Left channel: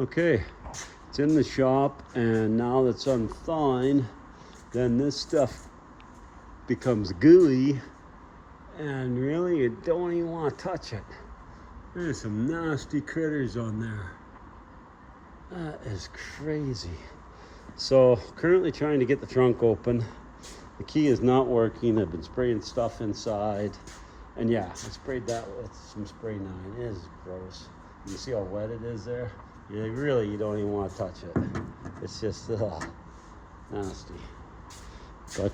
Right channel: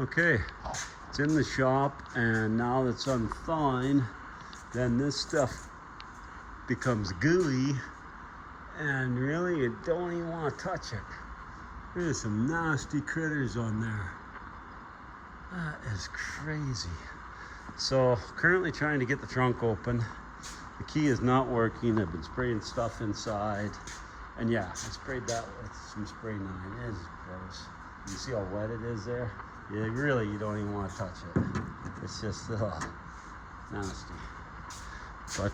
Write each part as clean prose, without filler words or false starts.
Okay, it's in the shop, and now that it's unthawing, then this stuff becomes gooey, and really you don't even want to touch it. There's some nasty critters on there. That is crazy. So currently trying to get the trunk open. The key is not working. I've been spraying stuff inside, and yeah, I sprayed that with some spray 9. It is gross. You see how wet it is there? You don't even want to touch it. It's just nasty. But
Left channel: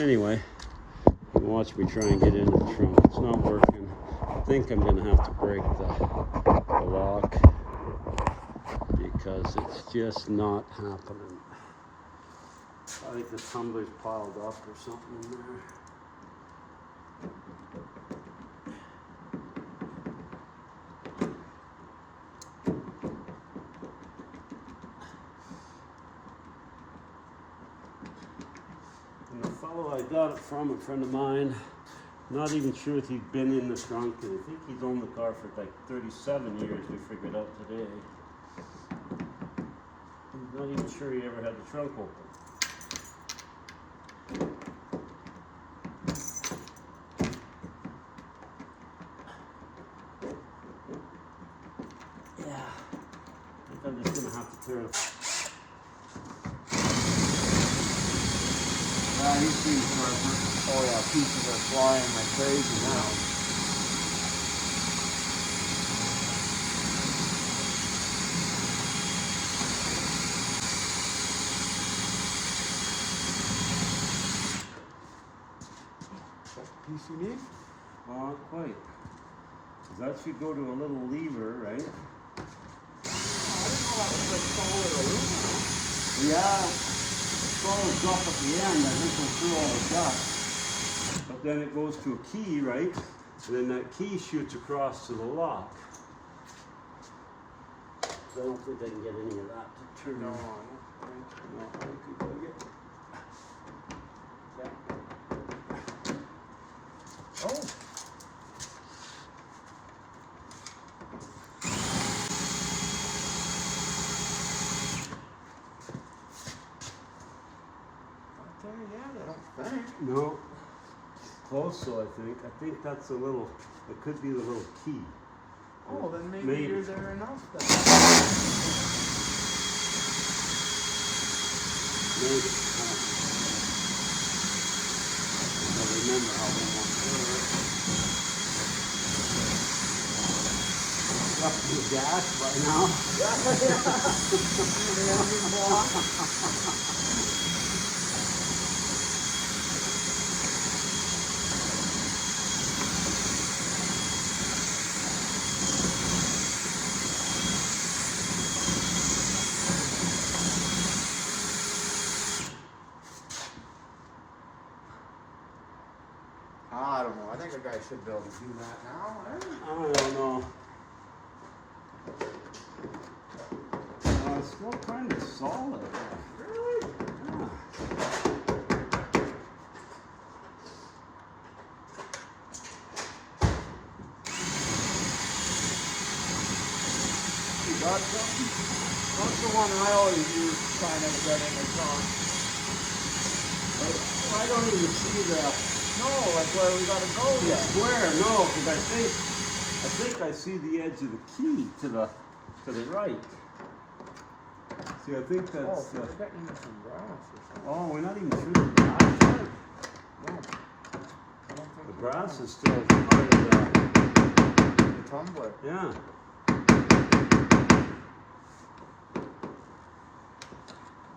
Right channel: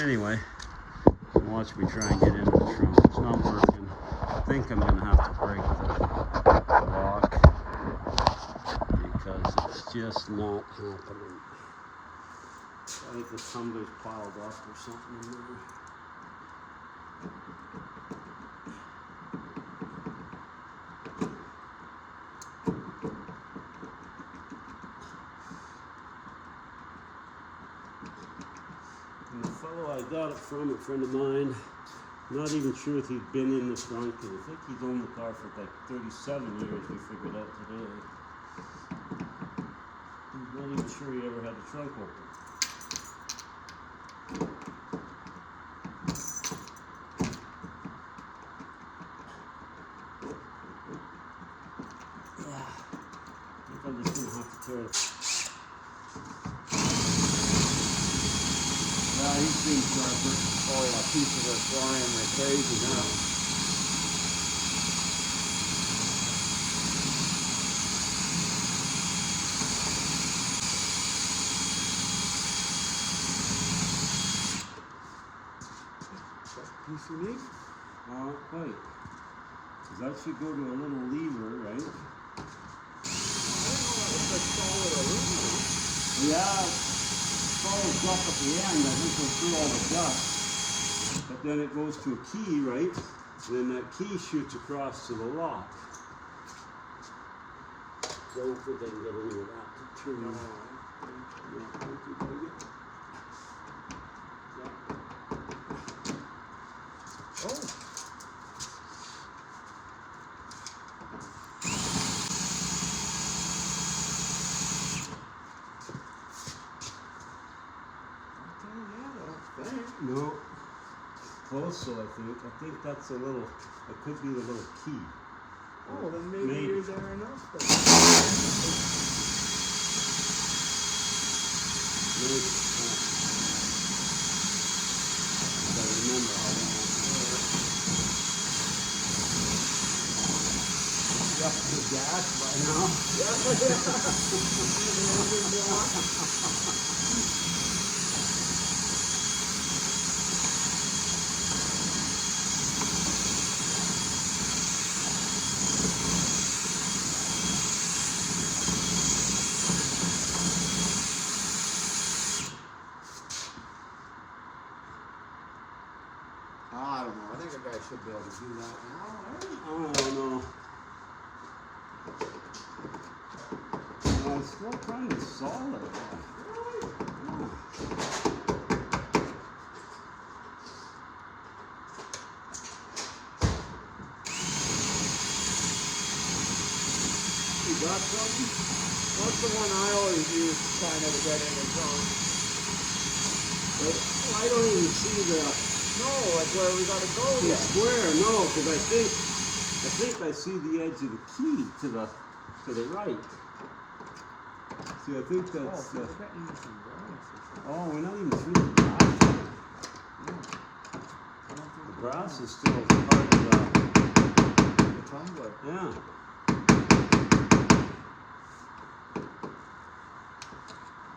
anyway, watch me try and get into the trunk. It's not working. I think I'm gonna have to break the lock because it's just not happening. I think the tumbler's piled up or something in there. And the fellow I got it from, a friend of mine, not even sure if he'd been in the trunk, and I think he's owned the car for like 37 years, we figured out today. I'm not even sure he ever had the trunk open. Yeah, I think I'm just gonna have to turn. Yeah, he seems like all people are flying like crazy now. PCB? Well, not quite. Because that should go to a little lever, right? Yeah. Goes up at the end, I think we'll through all the dust. But then it goes to a key, right? And then that key shoots across to the lock. So I don't think I can get any of that to turn on. Oh. No, close. So I think that's a little. It could be the little key. Oh, then maybe yours are enough. Maybe. I remember how we want to do it. Got the gas by now. I don't know. I think a guy should be able to do that now. I don't know. It's still kind of solid. Really? Yeah. You got something? That's the one I always use kind of to get in the car. I don't even see the. No, that's where we got to go The yet. square, no, because I think I see the edge of the key to the right. See, I think that's. Oh, we're getting into some brass or something. Oh, we're not even through the brass. No. I don't think The we brass are. is still part of The tumbler. yeah.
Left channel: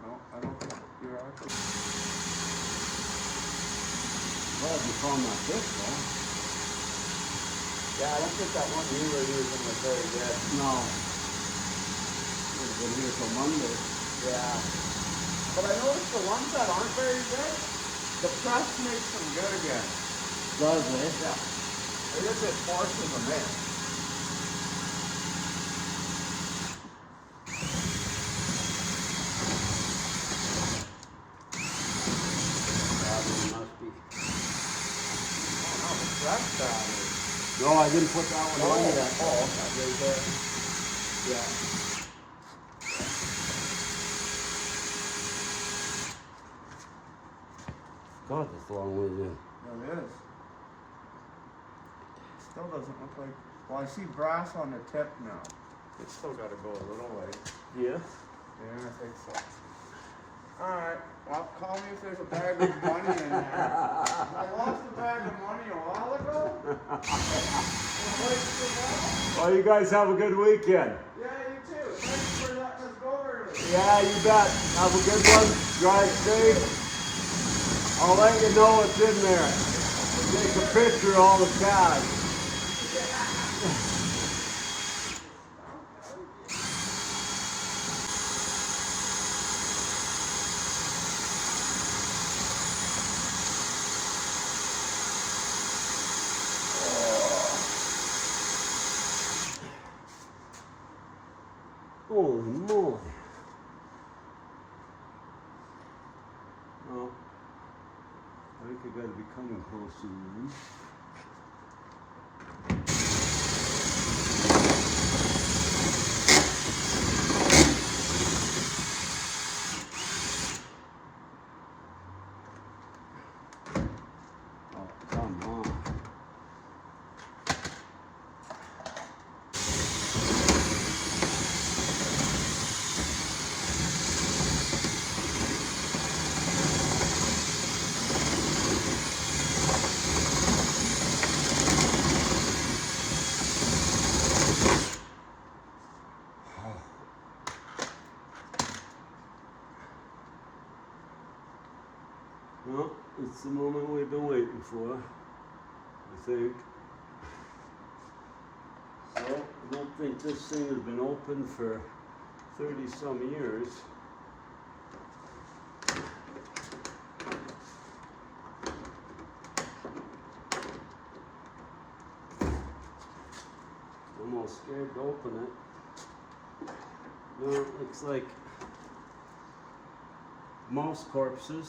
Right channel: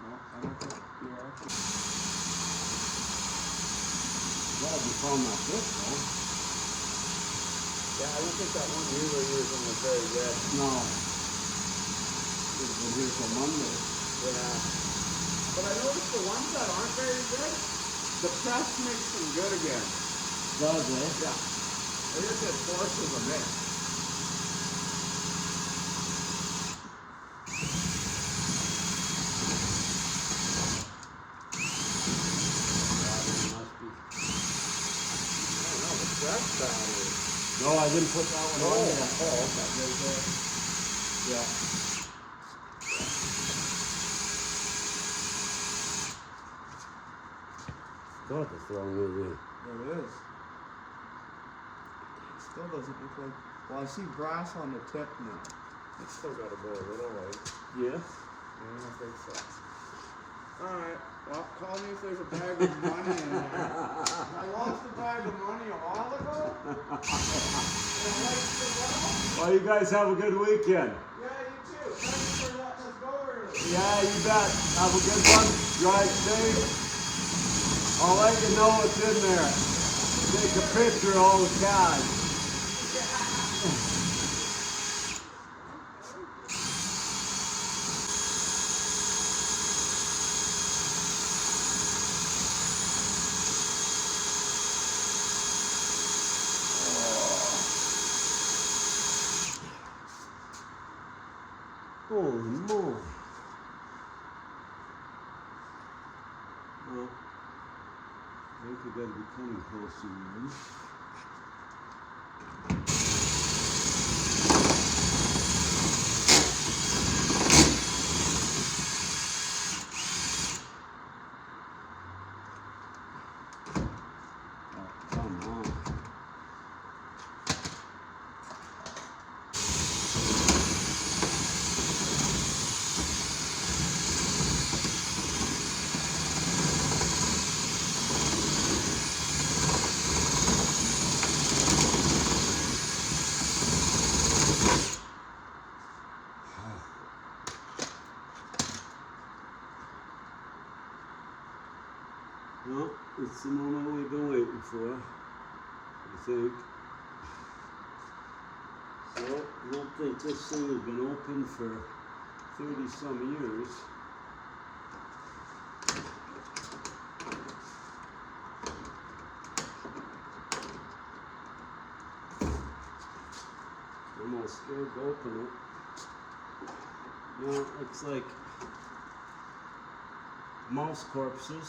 No, I don't think we are. Well, you found that book, though. Yeah, I don't think that one you were using was really good. No. It's been here till Monday. Yeah. But I noticed the ones that aren't very good, the press makes them good again. Does it? Yeah. I guess it forces them in. Yeah, there must be. Oh, that's bad. No, I didn't put that one on yet. Oh, yeah. God, that's a long way to go. It is. Still doesn't look like. Well, I see brass on the tip now. It's still got to go a little way. Yeah? Yeah, I think so. Alright, well, call me if there's a bag of money in there. I lost a bag of money a while ago. Well, you guys have a good weekend. Yeah, you too. Thanks for letting us go early. Yeah, you bet. Have a good one. Drive safe. I'll let you know what's in there. Take a picture of all the cash. Holy moly. Well, I think I gotta be coming close soon. Oh, come on. Well, it's the moment we've been waiting for, I think. So, I don't think this thing has been open for 30-some years. I'm almost scared to open it. No, it looks like mouse corpses.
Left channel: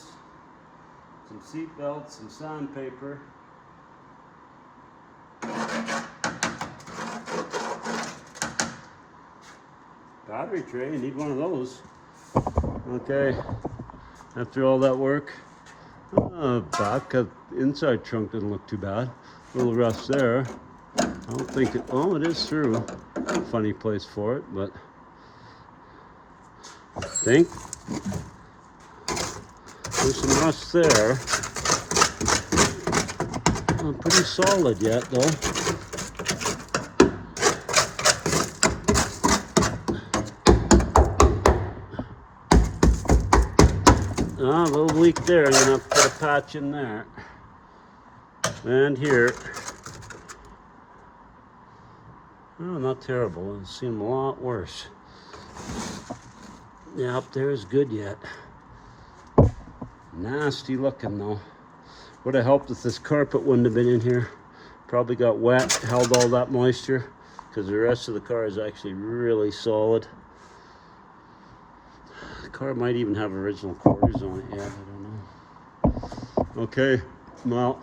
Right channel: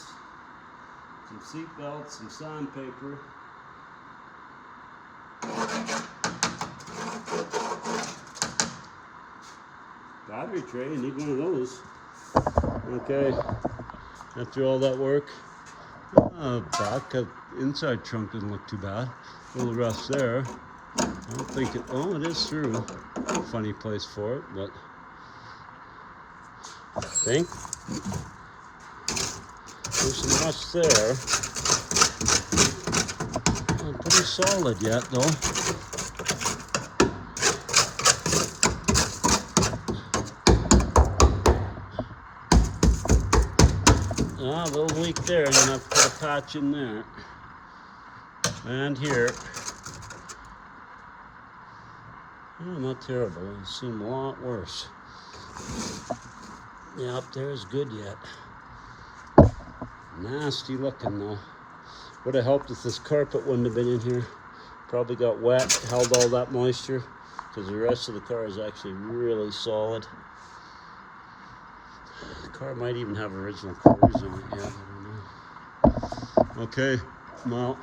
Some seat belts, some sandpaper. Battery tray, you need one of those. Okay, after all that work, back of inside trunk doesn't look too bad. A little rough there. I don't think it, oh, it is through. Funny place for it, but I think there's some rust there. Not pretty solid yet, though. A little leak there. I'm gonna have to put a patch in there. And here. Oh, not terrible. I've seen a lot worse. Yeah, up there is good yet. Nasty looking though. Would have helped if this carpet wouldn't have been in here. Probably got wet, held all that moisture, because the rest of the car is actually really solid. The car might even have original quarters on it yet, I don't know. Okay, well,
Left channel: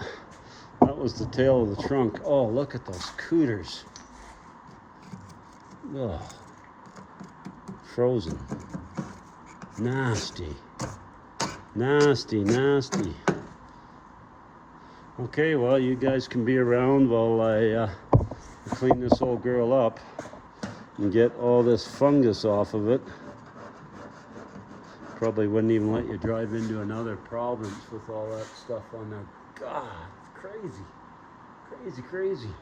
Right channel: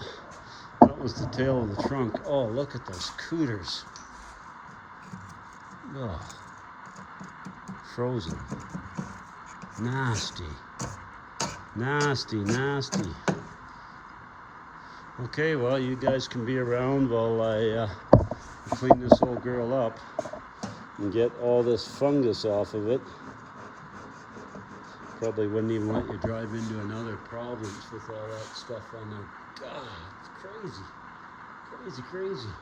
that was the tail of the trunk. Oh, look at those cooters. Ugh. Frozen. Nasty. Nasty, nasty. Okay, well, you guys can be around while I clean this old girl up and get all this fungus off of it. Probably wouldn't even let you drive into another province with all that stuff on there. God, it's crazy. Crazy, crazy.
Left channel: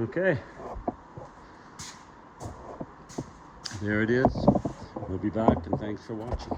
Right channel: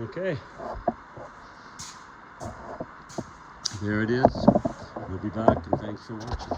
Okay. There it is. We'll be back, and thanks for watching.